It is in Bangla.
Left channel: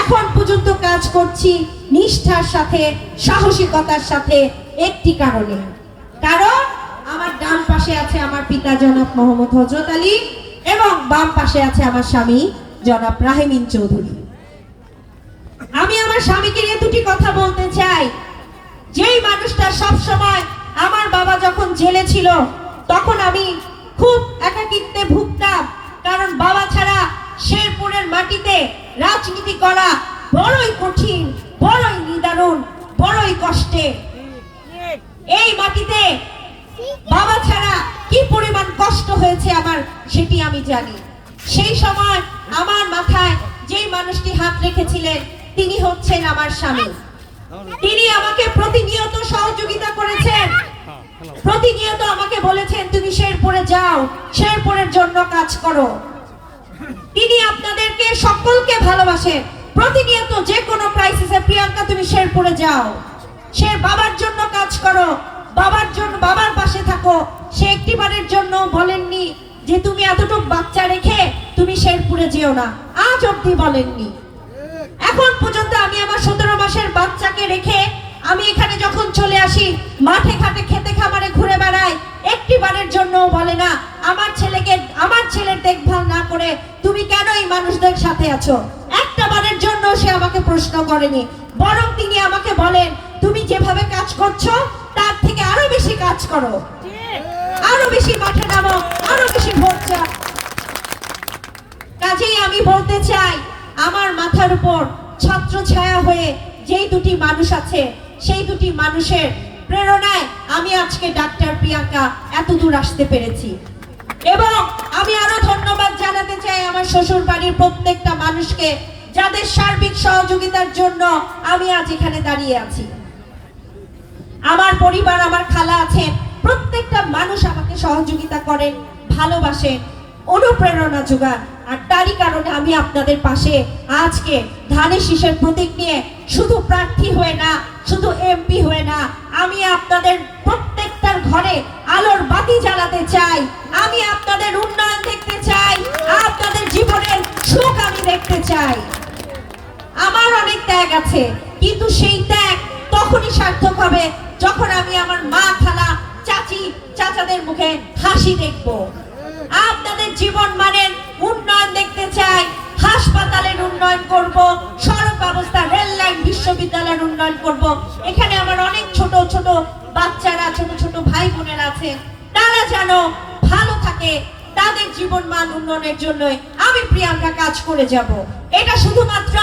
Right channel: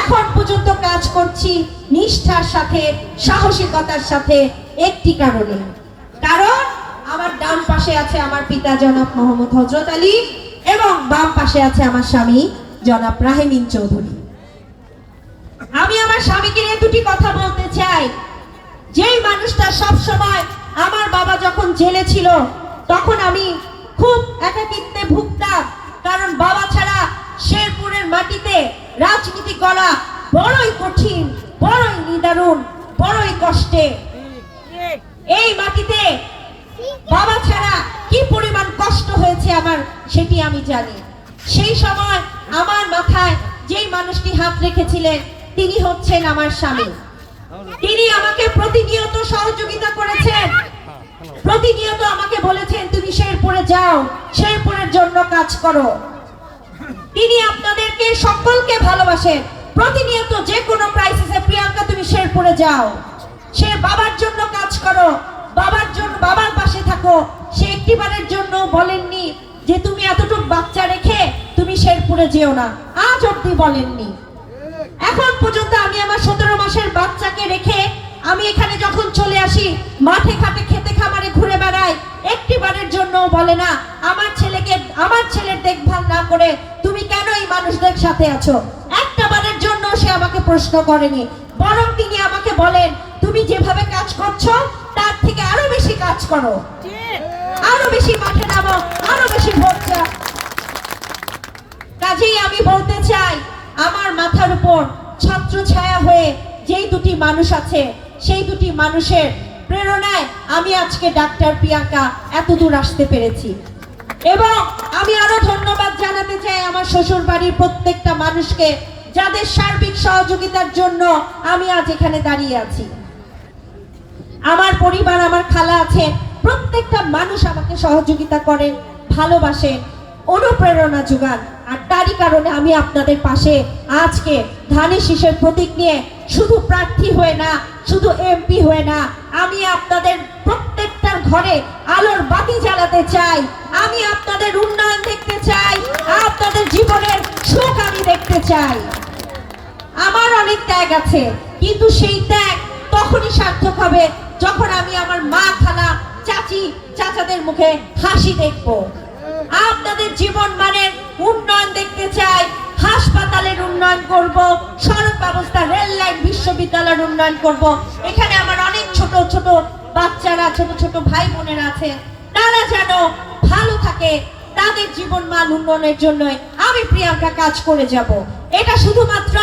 এখন পর্যন্ত কাজ করছি নিষ্ঠার সাথে, সাহসিকতার সাথে, একটি কারণে, কারণ আমার ডান পাশে আছে আমার পিতা জনাব মোহাম্মদ হযরত আলী এবং বাম পাশে আছে আমার স্বামী জনাব রাহিমিন চৌধুরী। আমি আমার স্বামীকে নিয়ে দুটি কথা বলতে চাই। যেই মানুষটা সব সময়, আমার বাবা যখন জেলে ছিল তখন আমি খুব একাকিত্বে ভুগতাম, কারণ বাবা ছাড়া শেরপুরের মাটিতে রাজনীতি করা বড়ই কঠিন, বড়ই নিদারুণ, বড়ই কষ্টের। এই মাটিতে বাবা ছাড়া কি পরিমাণ কষ্ট হয়েছে আমার, সেটি আমি জানি। সেই সময় আমার মাথায় যেই মানুষটি হাত রেখেছিলেন তিনি হচ্ছেন আমার স্বামী। তিনি আমাকে প্রতিনিয়ত সহযোগিতা করেছেন, প্রতিনিয়ত আমাকে বলেছেন তুমি শেরপুরে যাও, শেরপুরের জন্য কাজ করো। তিনি আপনাদেরকে সকলকে ভালোবাসেন, প্রতিনিয়ত যে কোনো ক্রাইসিসে প্রিয়াঙ্কা তুমি শেরপুরে যাও, সে বাবার জন্য কাজ করো, বাবার জন্য, বাবার পাশে থাকো। সে একটিবারের জন্য বলেননি যে তুমি এতটুকু বাচ্চা রেখে তুমি শেরপুরে যেও না, আজ অবধি বলেননি। এখন পর্যন্ত আমি আমার 17 মাসের বাচ্চাকে রেখে আমি এখানে যখন চলে আসি, মাঠে ঘাটে খেতে খামারে ঘুরে বেড়াই, একটিবারের জন্য বলে না আমার ছেলেকে, আমার ছেলের দেখভাল না করে তুমি কেন এই মানুষদের সাথে আছো, একটা বারের জন্য সে আমাকে প্রশ্ন করেনি। বরং তিনি আমাকে বলেন তুমি যেভাবে কাজ করছো তার থেকে আরো বেশি কাজ করো, আরো বেশি মাঠে নামো, আরো বেশি ভোট চাও। কাজেই আমি বলতে চাই, আমার মাথার উপর ছত্র ছায়া হয়ে যেই দুটি মানুষ আছে, সেই দুটি মানুষের প্রেরণায় আমি আজকে ডাক্তার প্রিয়াঙ্কা এত দূর আসতে পেরেছি। এবং আমি আরো ধন্যবাদ জানাতে চাই আমার শ্বশুর বাড়ির প্রত্যেকটা মানুষকে, যাদের সার্বিক সহযোগিতার জন্য আমি আজ এখানে দাঁড়িয়ে আছি। আমার পরিবার, আমার খালা আছে, প্রত্যেকটা মানুষ আমাকে সহযোগিতা করেন, ভালোবাসেন, অনুপ্রেরণা যোগান। আর তারই কারণে আমি আপনাদের পাশে আজকে ধানের শীষের প্রতীক নিয়ে শুধু প্রার্থী হয়ে না, শুধু এমপি হয়ে না, আমি আপনাদের প্রত্যেকটার ঘরে আলোর বাতি জ্বালাতে চাই। আমি আপনাদের উন্নয়ন দেখতে চাই, আপনাদের জীবনের সুখ আমি দেখতে চাই। আমার অনেক ত্যাগ আছে, কিন্তু সেই ত্যাগ তখনই সার্থক হবে যখন আমি আমার মা, খালা, চাচি, চাচাদের মুখে হাসি দেখবো। আপনাদের জীবন মানের উন্নয়ন দেখতে চাই, হাসপাতালের উন্নয়ন করব, সড়ক ব্যবস্থা, রেল লাইন, বিশ্ববিদ্যালয়ের উন্নয়ন করব। এখানে আমার অনেক ছোট ছোট বাচ্চারা, ছোট ছোট ভাই বোনেরা আছেন, তারা যেন ভালো থাকে, তাদের জীবন মান উন্নয়নের জন্যই আমি প্রিয়াঙ্কা কাজ করে যাব। এটা শুধুমাত্র